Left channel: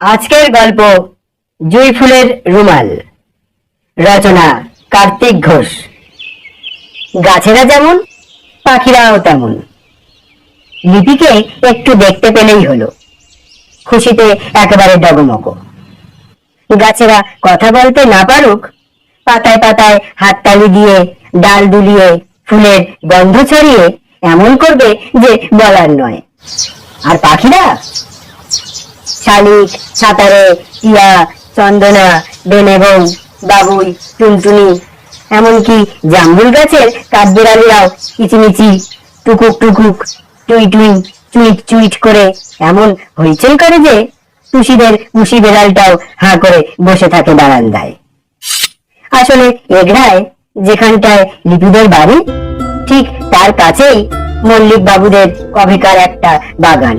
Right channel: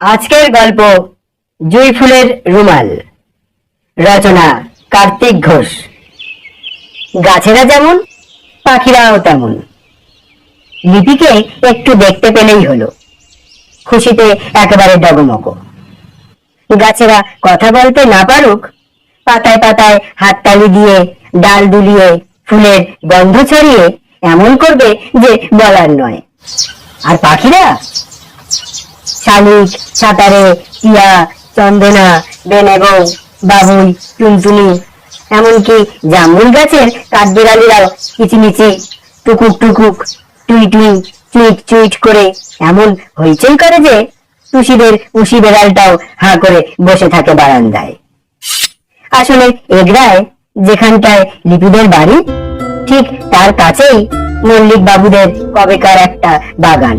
আজকের গল্প জুঁই ফুলের রুমাল। রচনা কার্তিক ঘোষ। গাছেরা যেমন পাখিরাও তেমন। লিপিকে একটু দেখতে পেলেই হলো, খুশিতে একেবারে ডগমগ। গাছেরা কথা বলতে না পারুক, পাতায় পাতায় হাততালি দিয়ে ডাল দুলিয়ে ফুলের গন্ধ ছড়িয়ে এমন করবে যে বলার নয়। আর পাখিরা শালিক, ছাতারে, টিয়া, চন্দনা, বেনেবৌ, বাবুই, টুনটুনি, এমনকি জামরুল গাছের কাঠবিড়ালিরাও কিচিমিচি, টুকুক টুকুক, টুই টুই, চুইট চুইট করে এমন হইচই করে যে টুসিদের উশি বেড়ালটাও হাঁ করে বসে থাকে বারান্দায়। আসলে এগরায়, যেখানটায় লিপিদের বাড়ি, ঠিক তার কাছেই মল্লিক বাবুদের কবেকার একটা বাগান।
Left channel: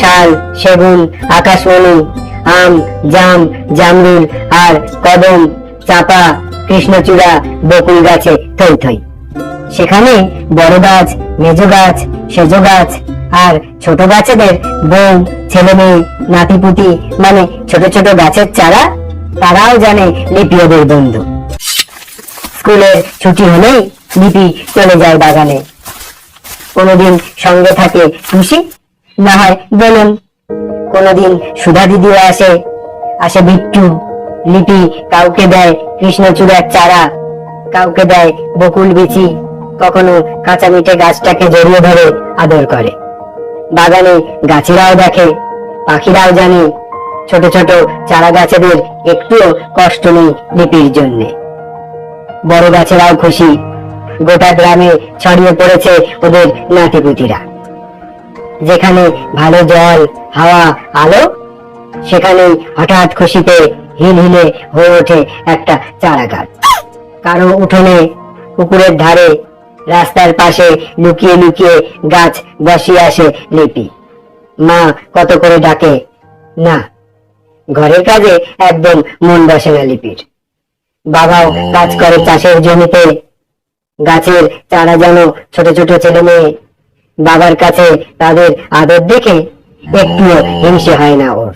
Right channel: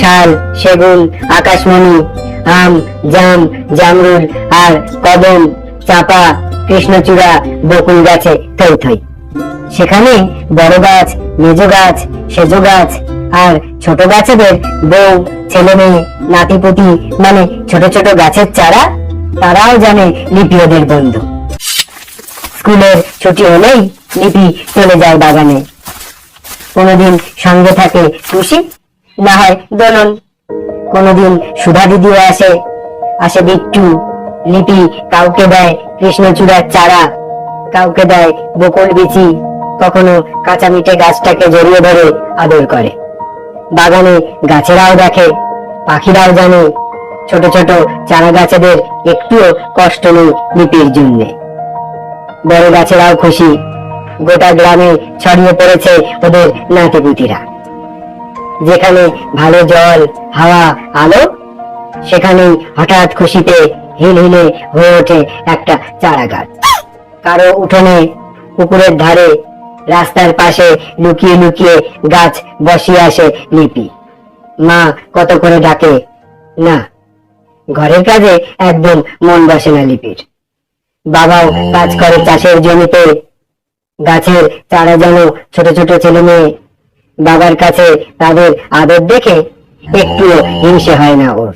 শাল, সেগুন, আকাশমণি, আম, জাম, জামরুল আর কদম, চাপা, কৃষ্ণচূড়া, বকুল গাছে থই থই। সেখানে বড় গাছ, মেজ গাছ, সেজ গাছ আর ছোট গাছেদের বউ, ছেলে মেয়ে, নাতিপুতি, মানে ছোট ছোট গাছের চারা, তারাও জানে লিপি ওদের বন্ধু। স্কুলের ছুটি হলেই লিপি চলে যায় বাগানে। কোনোদিন সঙ্গে থাকে টুসি, না হয় দোলন। কোনোদিন সুধা দিদিও আসে, আসে বিট্টু। লিপি কাউকে দেয় কৃষ্ণচূড়ার চারা, কাউকে দেয় বকুল বিচি, কখনো কাঁচা মিঠে গাছটাকে জড়িয়ে ধরে আদর করে। বাগানে গাছেরাও দেখে, পাখিরাও জানে ছোট ছোট চারা গাছেদের একটুও কষ্ট নেই লিপির জন্যে। বড় গাছেরাও খুশি, গোটা গ্রামে ছড়িয়ে পড়েছে ওদের নাতিপুতিরা। যেখানে ভালো জল, হাওয়া, আলো, সেখানে হঠাৎ খুশিতে হিলহিলে হয়ে ওঠে একটা চারা গাছ। কারো উঠোনে, পুকুরের ধারে, রাস্তার পাশে লুকিয়ে লুকিয়ে গাছ বসিয়ে আসে লিপি। মা কত করে ডাকে, না, ঘরের কাজে একদম মন বসে না লিপির। বাবাও কাজ করে চাষের জমিতে। গাছের চারা যেন ছোট ছোট ছেলে মেয়ে। বাবার কাছে তাদের আদর দেখে একটুও হিংসে হয় না ওর।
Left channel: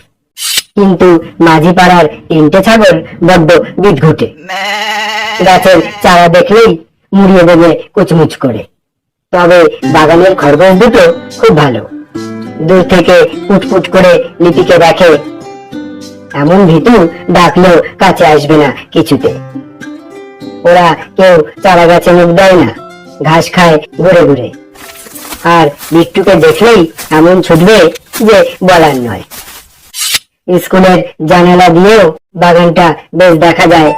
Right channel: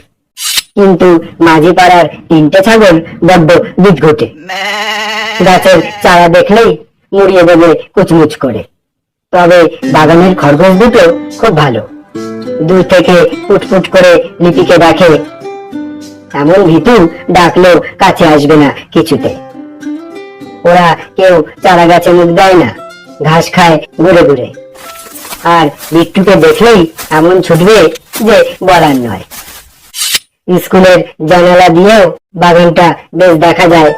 কিন্তু মাঝি পাড়ার তিনটে ছাগল বড্ড বিদঘুটে। গাছের চারা দেখলেই মুড়িয়ে দেবে কুচমুচ করে। তবে বাগানের খরগোশ দুটো খুব ভালো, দূর থেকে পুটপুট করে লিপিকে দেখে। এমন ভীতু, ডাকলেও কাছে আসবে না কিছুতে। ওরা কেউ চারা গাছে মুখ দেয় না, ঘাস খায় ঘুরে ঘুরে। আর বিট্টুকে দেখলেই এমন ছুটবে যে বলার নয়। স্কুলের জানালা দিয়েও বাগানটা বেশ দেখা যায়।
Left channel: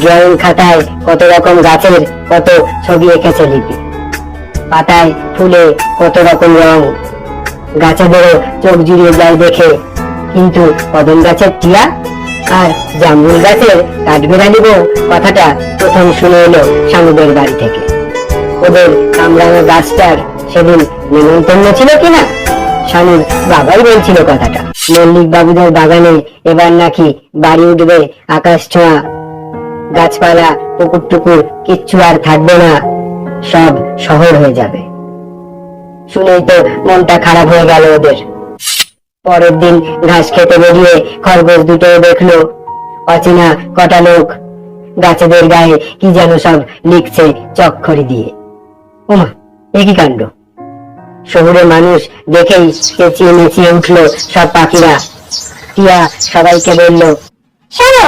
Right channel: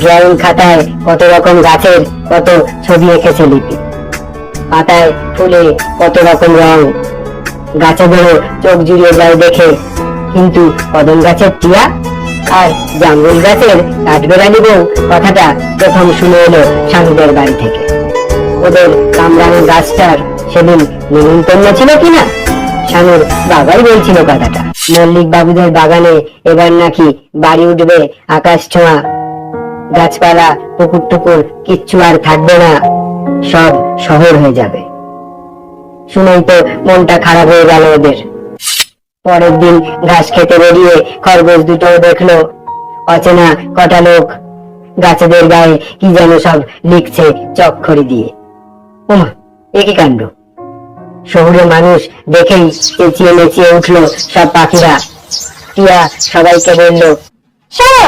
ড্রয়িং খাতায় কত রকম গাছের কত ছবি এঁকেছে লিপি। পাতায় ফুলে কত রকম রং, গাছেদেরও চোখ জুড়িয়ে যায় দেখে। কিন্তু কদম গাছের টিয়া আর জামরুল গাছের কাঠবেড়ালি বউ কথাটা প্রথম শুনে এলো স্বামীদের বাড়ি থেকে। ওদের কামরাঙা গাছটার সেদিন নিমন্ত্রণ ছিল কিনা, স্বামীর বাবাই বলছিল কথাটা। মল্লিক বাবুদের বাগানে এবার নাকি বাড়ি উঠবে আকাশ ছোঁয়া। গাছপালা, পুকুর টুকুর কিচ্ছু আর থাকবে না, সব শহর হয়ে যাবে। শুনেই তো মনটা খারাপ হয়ে গেল ওদের। পরের দিন ঘাস খেতে বেরিয়ে খরগোশ দুটো দেখলো অচেনা কটা লোক গাছেদের গায়ে কি যেন সব লিখছে চকখড়ি দিয়ে। ওমা, একই কাণ্ড! শহুরে মানুষ দেখেই চেঁচিয়ে নেচিয়ে উঠলো সব পাখিরা। টিয়া সবাইকে বলল, শোনো।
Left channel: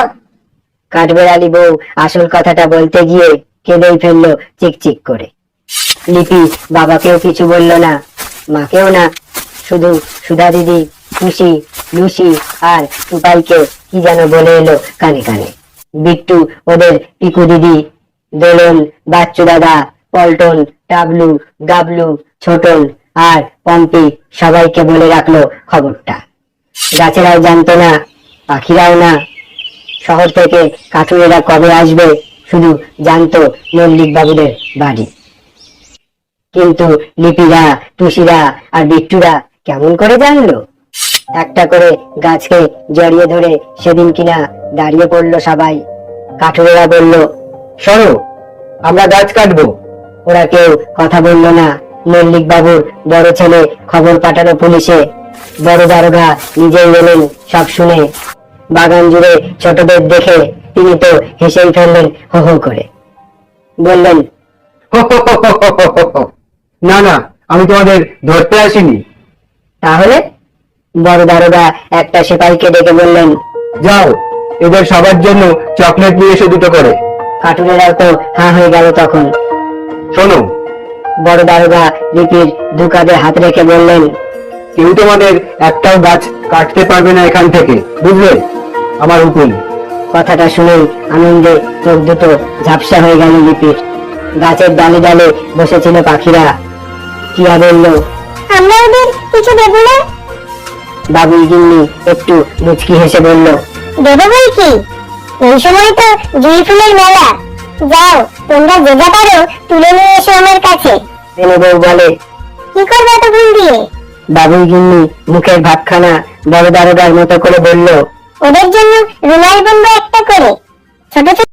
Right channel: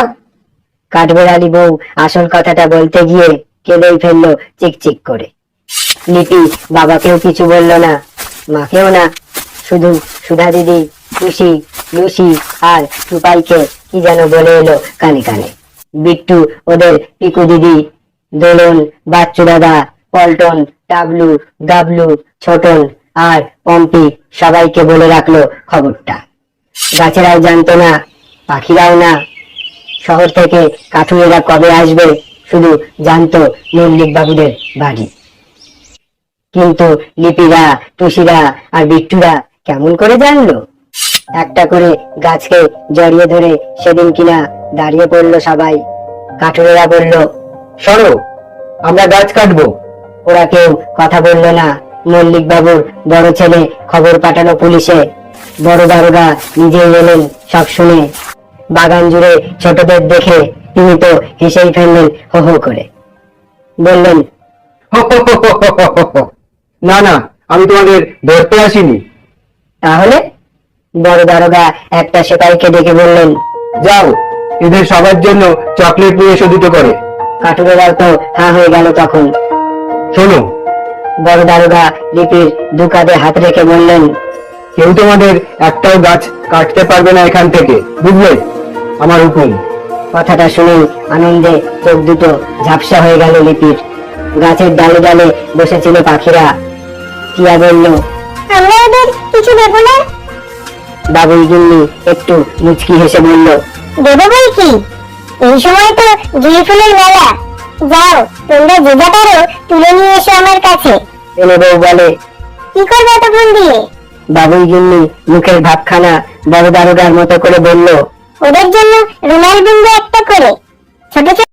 কাঠবেড়ালি বউ আসল কথাটা বলতে গিয়ে কেঁদেই ফেললো চিকচিক করে। লিপি বাবাকেও কিছু বলল না, মাকেও না, শুধু সুধা দিদি, টুসি, লুসি আর টুপাইকে কি যেন বলে এলো কানে কানে। বিট্টু ওদের পিকু দিদি, দোলন, বাচ্চু দাদা, পল্টন, টাবলু, গাবলু, ছোটন আর পম্পি সবাইকে বলে রাখলো খবরটা। গাছেরাও জানতো না, পাখিরাও না। শহর থেকে কাঠুরেরা কবে আসবে শুধু জানতো মল্লিক বাবুদের বাড়ি। কিন্তু লিপিরা, টুসিরা আর বিট্টুরা কেমন করে জানলো? একটা করে গাছকে জড়িয়ে ধরে সেদিন কিনা দাঁড়িয়ে পড়লো সবাই। কাঠুরেরা বলল, সরো, আমরা গাছ কাটবো। ওরা কেউ কথা বললো না। মল্লিক বাবুর বড় ছেলে খবর পাঠালো পুলিশে। বড় দারোগা নিজেই এলেন সব শুনে। বাগান জুড়ে ছোটদের দেখে তিনি তো হেসেই ফেললেন হো হো করে। বললেন, না না, আমি তোমাদের ধরতে আসিনি। তাহলে? বড় দারোগা একটা সেপাইকে ডেকে বললেন, যাও, এদের সবার জন্য চকলেট নিয়ে এসো দুটো করে। কাঠুরেরাও তো হাঁ হয়ে গেল তখন। শোনো, বড় দারোগা লিপির দু কাঁধে হাত রেখে বললেন, কেউ তোমাদের একটাও গাছ কাটতে পারবে না এখান থেকে, বুঝলে? আমার হুকুম। কথাটা শুনেই আনন্দে চোখ দুটো ঝাপসা হয়ে গেল লিপির। গাছের ডালে ডালে বসেছিল পাখিরা। টিয়া বলল, আমরা ওদের কিছু দেবো না? বাবুই গিন্নি একটু মুচকি হেসে বলল, দেবো বলছি, এই সময় তো জুঁই ফুলের মেলা। যাও, তোমরা যে যা পারো তুলে নিয়ে এসো আমার কাছে। এনে বউ বলে। কি করবে এত ফুল দিয়ে? বাবুই গিন্নি মুখের ভাবখানা বড় দারোগার মতো করে বলল, ওদের জন্য রুমাল কিনবো একটা